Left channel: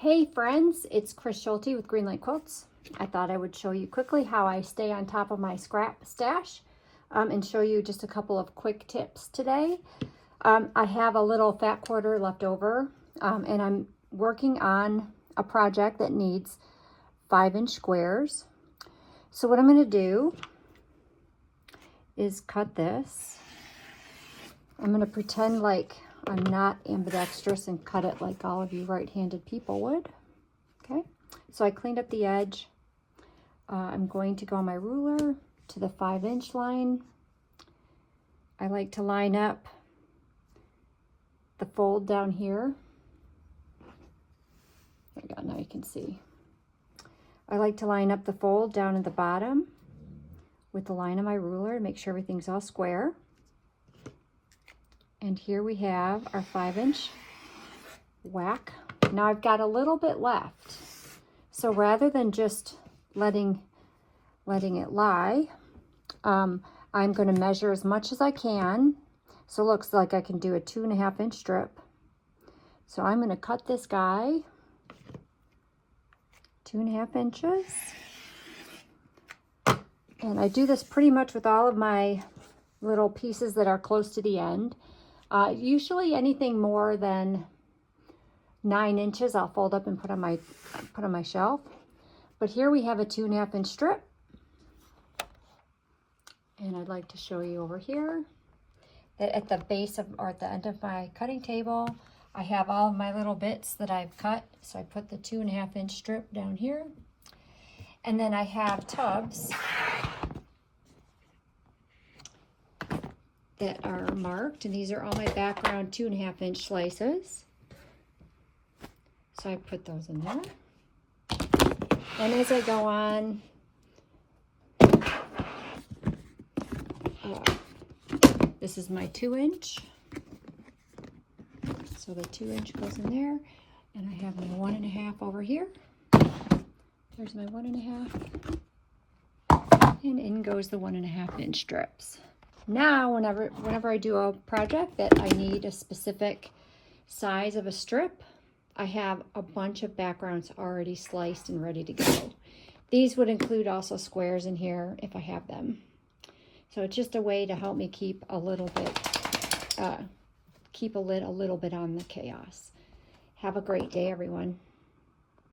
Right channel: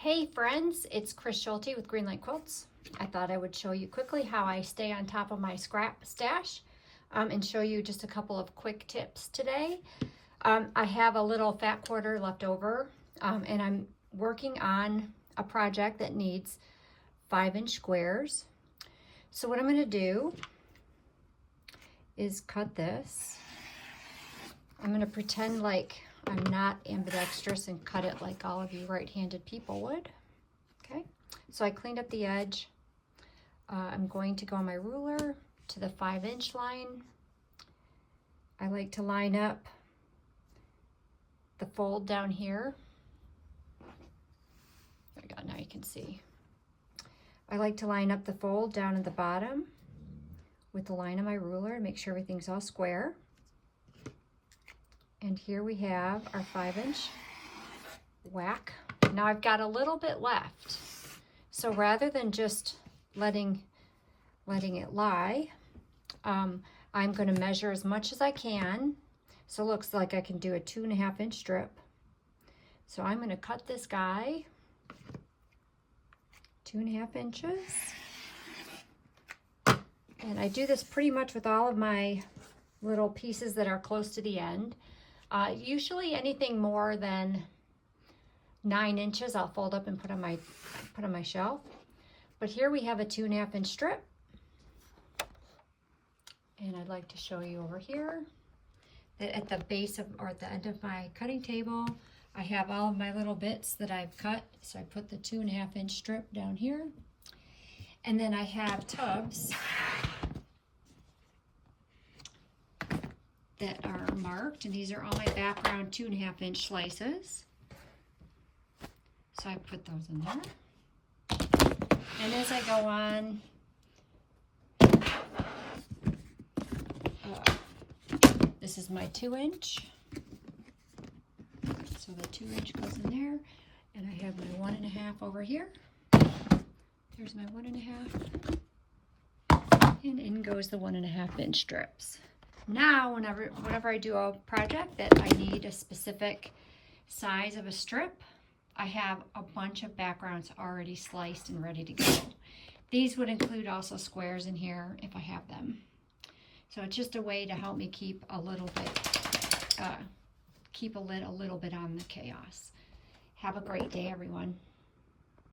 Hey friends, it's Chris Schulte with Greenlight Quilts. I thought I would show you quickly how I stay on top of my scrap stash and show you just a couple of quick tips today. I have a little fat quarter left over and I'm working on a project that needs 5-inch squares. So what I'm going to do is cut this. I'm going to pretend like I'm not ambidextrous and cut it like all of you right-handed people would. Okay, so I cleaned up the edge. I'm going to go on my ruler to the 5-inch line. I like to line up the fold down here. There we go, now you can see. I like to line up the fold down at the bottom with the line of my ruler to make sure everything's all square. And here we have our 5-inch whack. Now I've got a little bit left. So rather than just letting it lie, I'm going to measure as much as I can. So it looks like I can do a 2.5-inch strip. So I'm going to cut this guy 2.5 inches. And I do this pretty much with all of my little pieces that are close to the end. Usually anything more than 9 inches I'll fold up and put on my shelf. But here we have a 2.5-inch strip. And I'd like to show you over here that at the base of, or at the end of my cutting table, I have all of my little bits that I've cut. So I put the 2.5-inch strip down here. And then I have tubs that are marked, and these are all my background 2.5-inch slices. So I put those in there. And as I go on, this is my 2-inch. So the 2-inch goes in there, and I have my 1.5 over here. There's my 1.5. And in goes the 1.5-inch strips. Now, whenever I do a project that I need a specific size of a strip, I have a bunch of backgrounds already sliced and ready to go. These would include also squares in here if I have them. So it's just a way to help me keep a little bit, keep a lid a little bit on the chaos. Have a great day, everyone.